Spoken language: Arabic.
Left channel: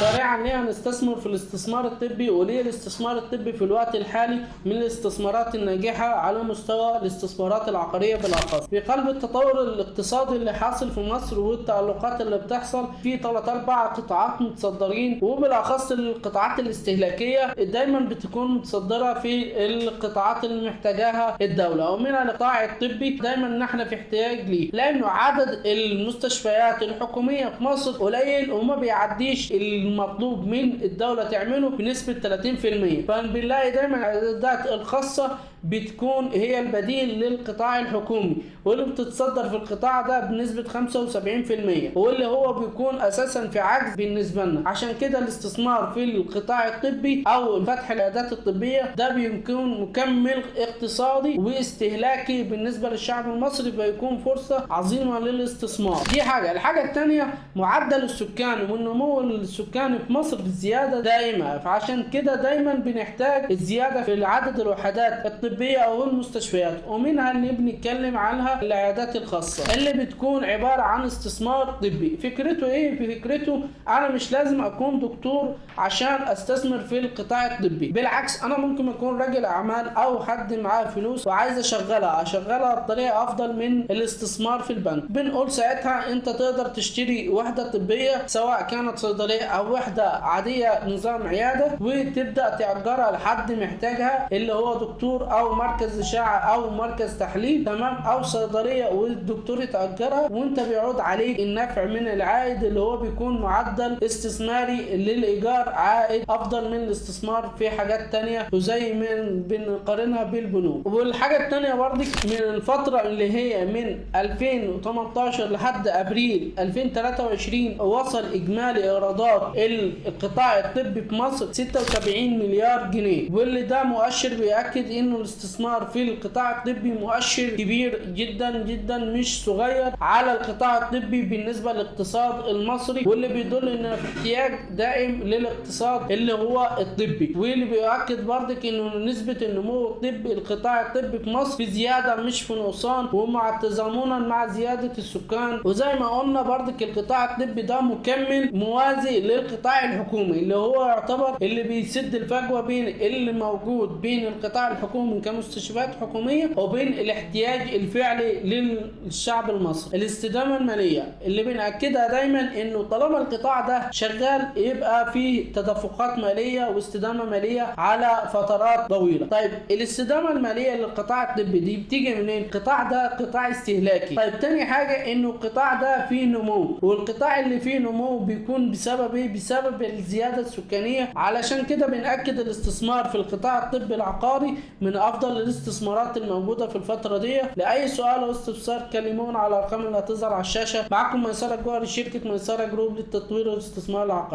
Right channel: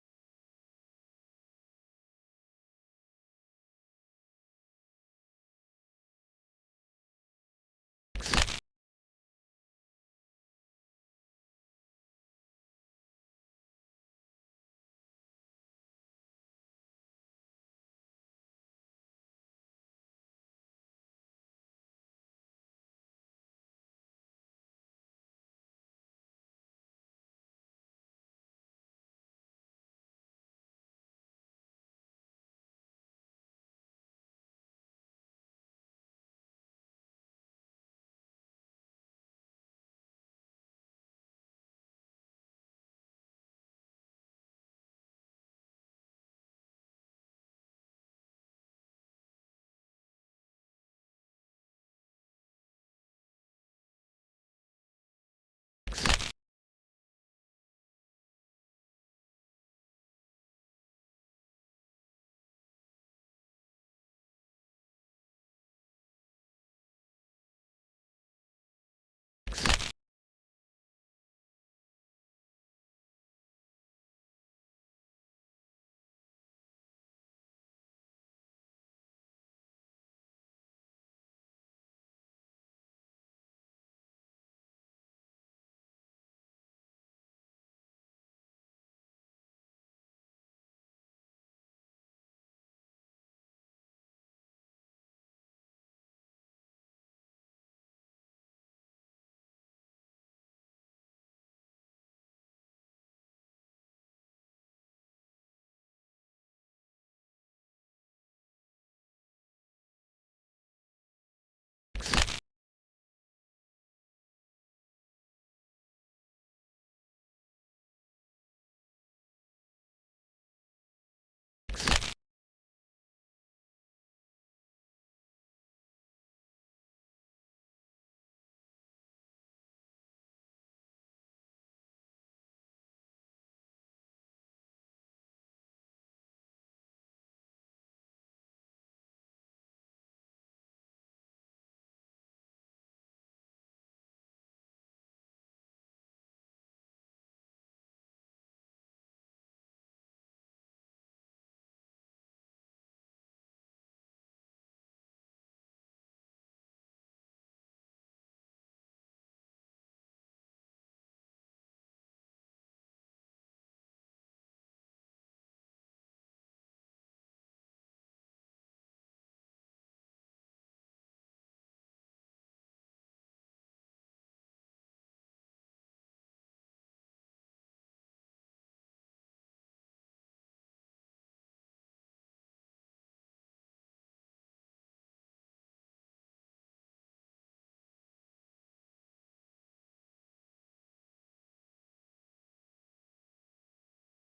سريعا ليه هنستثمر في الاستثمار الطبي، وليه الاستثمار الطبي في الوقت الحالي من الاستثمارات الناجحة على مستوى الاستثمارات العقارية بالأخص. في قلب التطور الاقتصادي اللي حاصل في مصر والتألقات اللي بتحصل في 3-4 قطاعات متصدرين، وبالأخص القطاعات الاستهلاكية دايما بتكون متصدرة في القطاعات اللي محتاجاها الدولة، ومنها القطاع الطبي دايما نحن في احتياج ليه، لأنه عدد المستشفيات الحكومية في مصر قليل وما بيعديش المطلوب من الدولة تعمله بنسبة 30%. فبنلاقي دايما العيادات الخاصة بتكون هي البديل للقطاع الحكومي، واللي بتتصدر في القطاع ده بنسبة 75%، واللي هو بيكون أساسا في عجز بالنسبة لنا. عشان كده الاستثمار في القطاع الطبي أو فتح العيادات الطبية ده بيكون مكمل اقتصادي واستهلاكي بالنسبة للشعب المصري، فيكون فرصة عظيمة للاستثمار. دي حاجة. الحاجة الثانية معدل السكاني والنمو السكاني في مصر في زيادة دائمة، فعشان كده دايما بنحتاج الزيادة في عدد الوحدات الطبية أو المستشفيات، ومنها اللي بنتكلم عنها العيادات الخاصة اللي بتكون عبارة عن استثمار طبي. فكرته ايه؟ فكرته انا مش لازم اكون دكتور عشان استثمر في القطاع الطبي، بالعكس انا ممكن اكون راجل اعمال او حد معاه فلوس وعايز اشغلها بطريقة افضل من الاستثمار في البنك. بنقول ساعتها انت تقدر تشتري وحدة طبية سواء كانت صيدلية او وحدة عادية نظام عيادة، وتبدأ تأجرها لحد محتاجها اللي هو دكتور او مركز اشعه او مركز تحليل، تمام، او صيدليه، والدكتور يتاجرها وانت بيعود عليك النفع من العائد اللي هو بيكون معدل استثماري للايجار عائد افضل من الاستثمار في حاجات تانية، وزي من بنقارنها بالبنوك. والحاجه التانية برضك من الفتره اللي هي من 2018 لحد ابريل 2023 وصل اجمالي ايرادات القطاع الطبي في مصر 76 مليار جنيه، واللي ده مؤشر بيأكد انه الاستثمار في القطاع الطبي مؤشر كبير جدا جدا مش صغير على القطاع الطبي بالنسبه للاقتصاد المصري، واللي بيدل ان في احتياج دائم للاقتصاد اللي هو الطبي. واللي بيؤكد برضك انه نسبه النمو الطبي القطاع الطبي في مصر في زياده مش في نقصان، ومع تزامنا مع زياده السكان. وزي ما قلنا برضك القطاع الطبي ده مكمل موازي للقطاع الحكومي، اللي هو يعتبر اللي بيسد الفجوه بين اللي موجود بين القطاع الحكومي كمستشفيات حكوميه وبين الاحتياج الفعلي للشعب المصري. الاستدامه الماليه اللي بنأكدها دايما انه طالما القطاع ده شغال يبقى فيه تدفقات ماليه واستدامه ماليه على فترات طويله. طيب الاستدامه الماليه للقطاع الطبي دي بتيجي منين؟ القطاع ده قطاع استهلاكي. طيب تاني حاجه انه القطاع ده فيه نمو، والقطاع اللي فيه نمو بيكون بسبب ايه؟ بسبب الزياده السكانيه. علشان كده بنأكد الاستثمار في القطاع الطبي العقاري من افضل الاستثمارات الموجوده في الفتره دي. لاي سؤال او استفسار كلمونا على الارقام اللي هتظهر على الشاشه. معكم ميسره جوهري، شركه ميسره جروب للتطوير والاستثمار العقاري.